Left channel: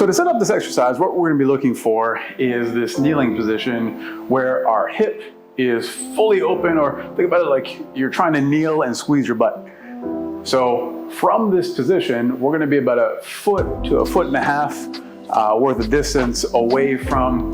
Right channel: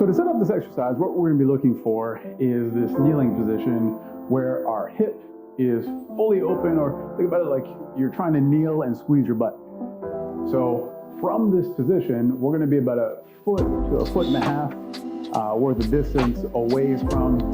So to set up this exercise, what we're going to be looking for is this kneeling position where our hip is fully open, or think about it like you're trying to kneel and squeeze your butt. So from this position, we're going to be about 1 foot to 1.5 feet worth of distance away from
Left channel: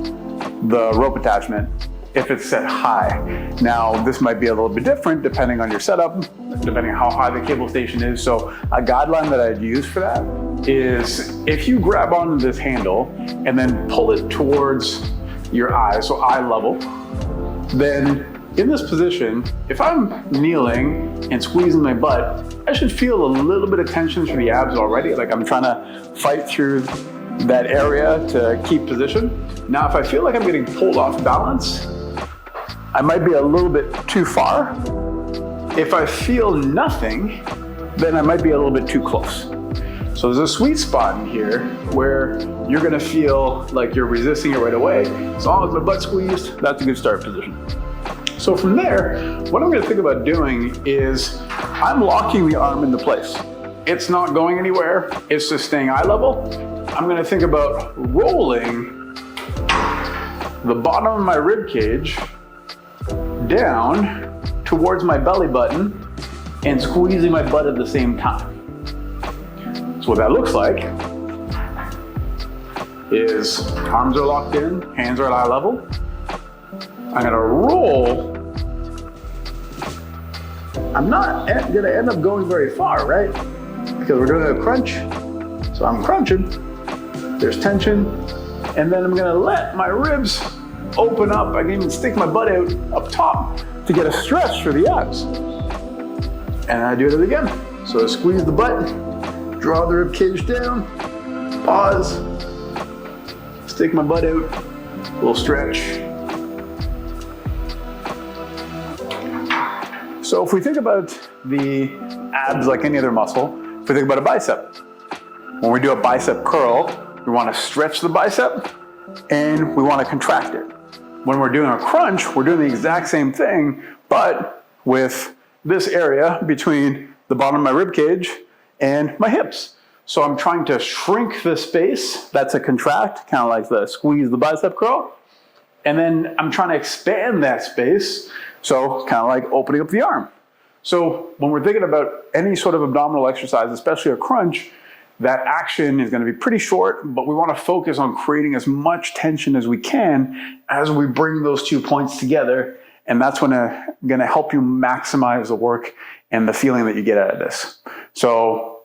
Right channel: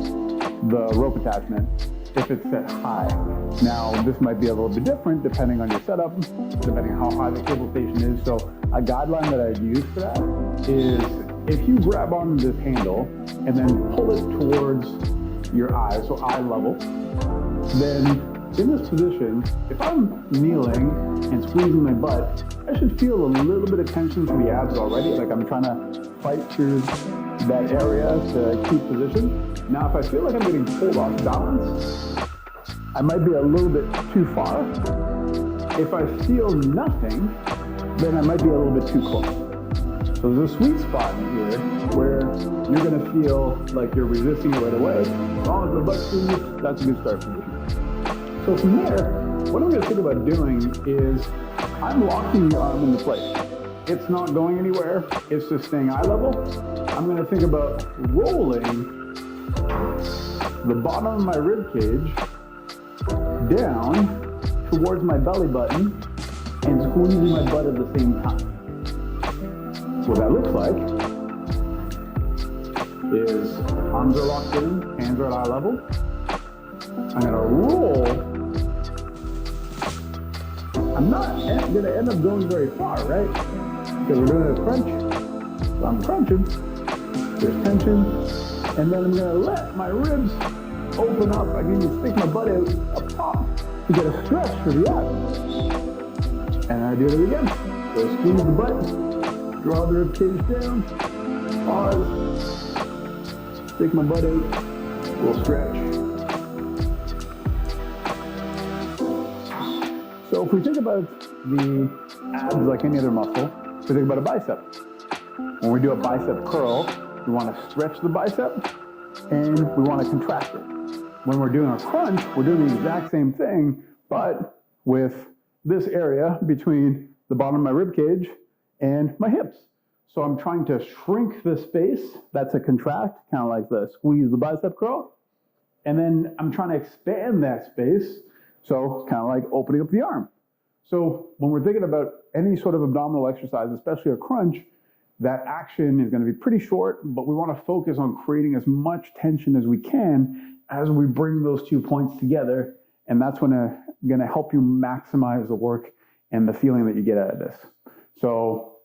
the rope attachment if it's set high. Now, this might be a little bit different depending on your setup, depending on how high the cable station is. So a guideline that I'd use for that is if you grab onto this handle and then pull it towards your eyes, so eye level, then in this position, if I'm kneeling and squeezing my butt, I should feel a little bit of tension through the abs already, like I'm trying to fight through that area to keep position. Now, if I feel like I'm getting pulled off balance, I might be a little bit too far. If I feel nothing, then I might be a little bit too close. So there's a sweet spot in here where you're gonna feel like you're resisting it right away. As long as my butt's squeezed, that's a good start position. So from there, what I'm gonna think about doing is I'm locking the arm into place. It's not going anywhere, it's just staying eye level. I'm gonna think about rolling the bottom of my rib cage down towards my belly button and squeezing my butt at the same time. So what that looks like is arms are locked in, hands are at eye level. I'm gonna roll. I'm not gonna end up going very far, right? Because we're doing a crunch. So I'm crunching, there's tension, and then I'm gonna let my ribs open up. I can even stick my butt out up top to get a stretch for the abs. And I do it again. So I squeeze the butt, draw the rib cage down, pause, stick my butt out, a little stretch. So if we think about the abs like any other muscle, if we think about a bicep, when we do a bicep curl, we want to stretch the bicep and we want to contract it. When we're doing a crunch, we're doing the exact same thing, but with this area between the bottom of my rib cage and my hips. So I'm trying to shrink the space. That's a contract, kind of like the squeeze the bicep curl. And then I'm trying to expand that space. So kind of like opening up the arm. So when we're thinking about any sort of abdominal exercise, especially a crunch, that action is going to be pretty short, but we want to focus on creating as much tension as we can as we bring those 2 points together. And that's going to help you maximize the work and the feeling that you get out of this. So,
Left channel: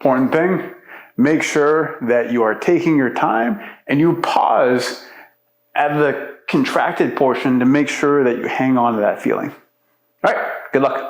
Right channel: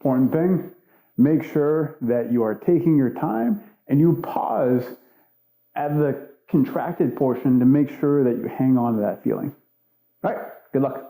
important thing, make sure that you are taking your time and you pause at the contracted portion to make sure that you hang on to that feeling. All right, good luck.